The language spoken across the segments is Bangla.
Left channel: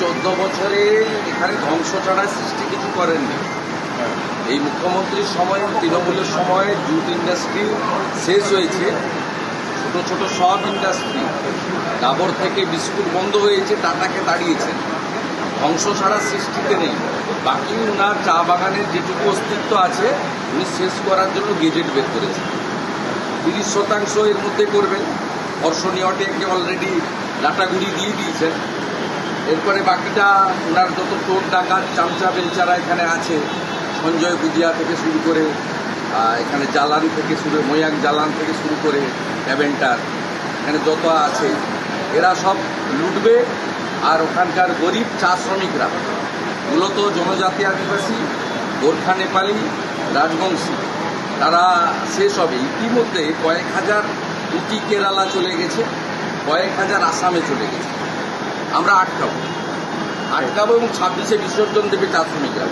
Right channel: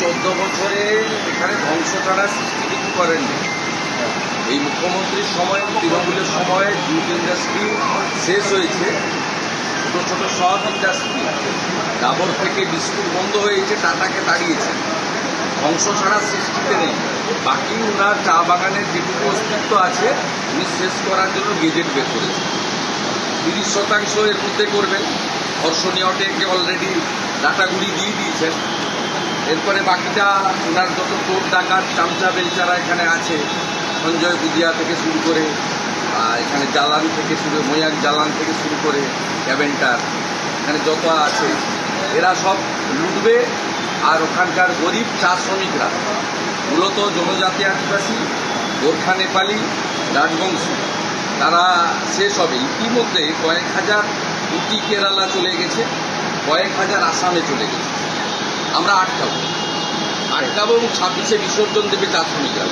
চোদ্দ বছরে এখানে ধ্বংস ছাড়া সৃষ্টি কিছু করেননি। এই মুখ্যমন্ত্রীর সময়, তৃণমূলের সময়, জুট ইন্ডাস্ট্রি শেষ হয়েছে। ছোটো ছোটো সব ইন্ডাস্ট্রি, ডাবর থেকে বিস্কুট বন্ধ হয়েছে, টাটাকে তাড়িয়েছেন ধ্বংস ছাড়া সৃষ্টিতে নেই। বাকি ওনার চা বাগানের যেটুকু অস্তিত্ব আছে, উনি শেষ করার জন্য গেজেট বের করেছেন। তিরিশ শতাংশ এর মধ্যে করবেন। হর্ষণীয়টেকে অলরেডি ডাটাগুড়ি দিয়ে দিয়েছেন। এরপরে বাকিটা ওনার যত টোট ডাকাত, চামচা, বেলচারা এখানে আছে, সঞ্জয় বুজিয়া থেকে শুরু করে এখানে জালান থেকে শুরু, ময়াক জালান থেকে শুরু করে ক্যাবেন্টার এখানে যত আছে, এরা সব লুটবে, আর ওখানকার গরিব চা শ্রমিকরা, মূলত জনজাতি আদিবাসী, গোর্খা নেপালি, রাজবংশী, তারা শেষ হবে। ইতিমধ্যে কয়েক হাজার উটি কেরালা চলে গেছে, কয়েক হাজার আসামে চলে গেছে। আমরা আটকাবো। আটকাবো এবং ছাব্বিশে বিসর্জন দেবে চা শ্রমিকরা।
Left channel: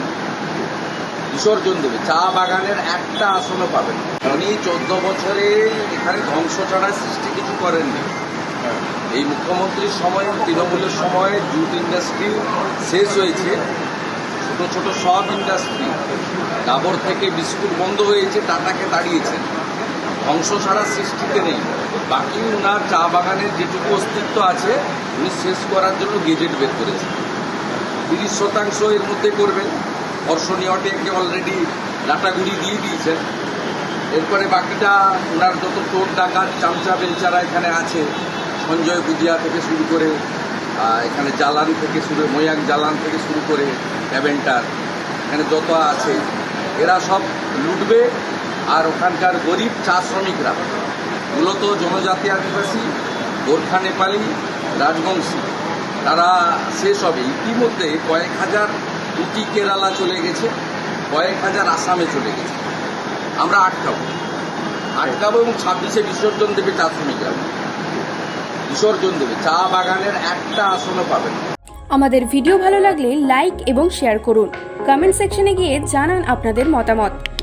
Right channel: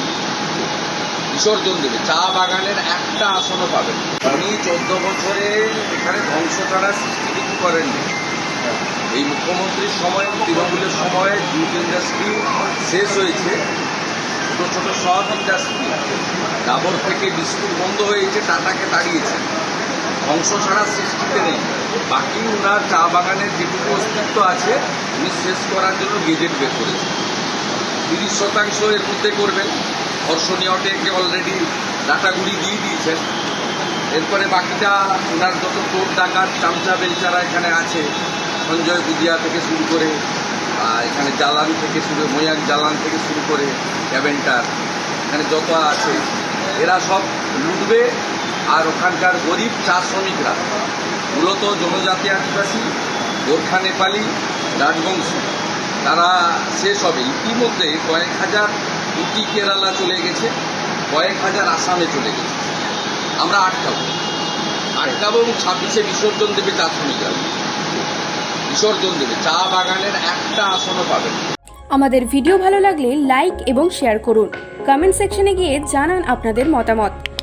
বিসর্জন দেবে। চা বাগানের একটা আসনও পাবেন উনি চোদ্দ বছরে এখানে ধ্বংস ছাড়া সৃষ্টি কিছু করেননি এই মুখ্যমন্ত্রীর সময়, তৃণমূলের সময়, জুট ইন্ডাস্ট্রি শেষ হয়েছে। ছোটো ছোটো সব ইন্ডাস্ট্রি, ডাবর থেকে বিস্কুট বন্ধ হয়েছে, টাটাকে তাড়িয়েছেন। ধ্বংস ছাড়া সৃষ্টিতে নেই। বাকি ওনার চা বাগানের যেটুকু অস্তিত্ব আছে, উনি শেষ করার জন্য গেজেট বের করেছেন। তিরিশ শতাংশ এর মধ্যে করবেন। হর্ষণীয়টেকে অলরেডি ডাটাগুড়ি দিয়ে দিয়েছেন। এরপরে বাকিটা ওনার যত টোট ডাকাত, চামচা বেলচারা এখানে আছে, সঞ্জয় বুজিয়া থেকে শুরু করে এখানে জালান থেকে শুরু ময়ান জালান থেকে শুরু করে ক্যাবেন্টার এখানে যত আছে, এরা সব লুটবে আর ওখানকার গরিব চা শ্রমিকরা, মূলত জনজাতি আদিবাসী, গোর্খা নেপালি, রাজবংশী, তারা শেষ হবে। ইতিমধ্যে কয়েক হাজার উটি কেরালা চলে গেছে, কয়েক হাজার আসামে চলে গেছে। আমরা আটকাবো। আটকাবো এবং ছাব্বিশে বিসর্জন দেবে চা শ্রমিকরা। বিসর্জন দেবে। চা বাগানের একটা আসনও পাবেন আমাদের ভিডিও ভালো লাগলে লাইক এবং শেয়ার করুন। কমেন্ট সেকশনে গিয়ে জানান আপনাদের মতামত।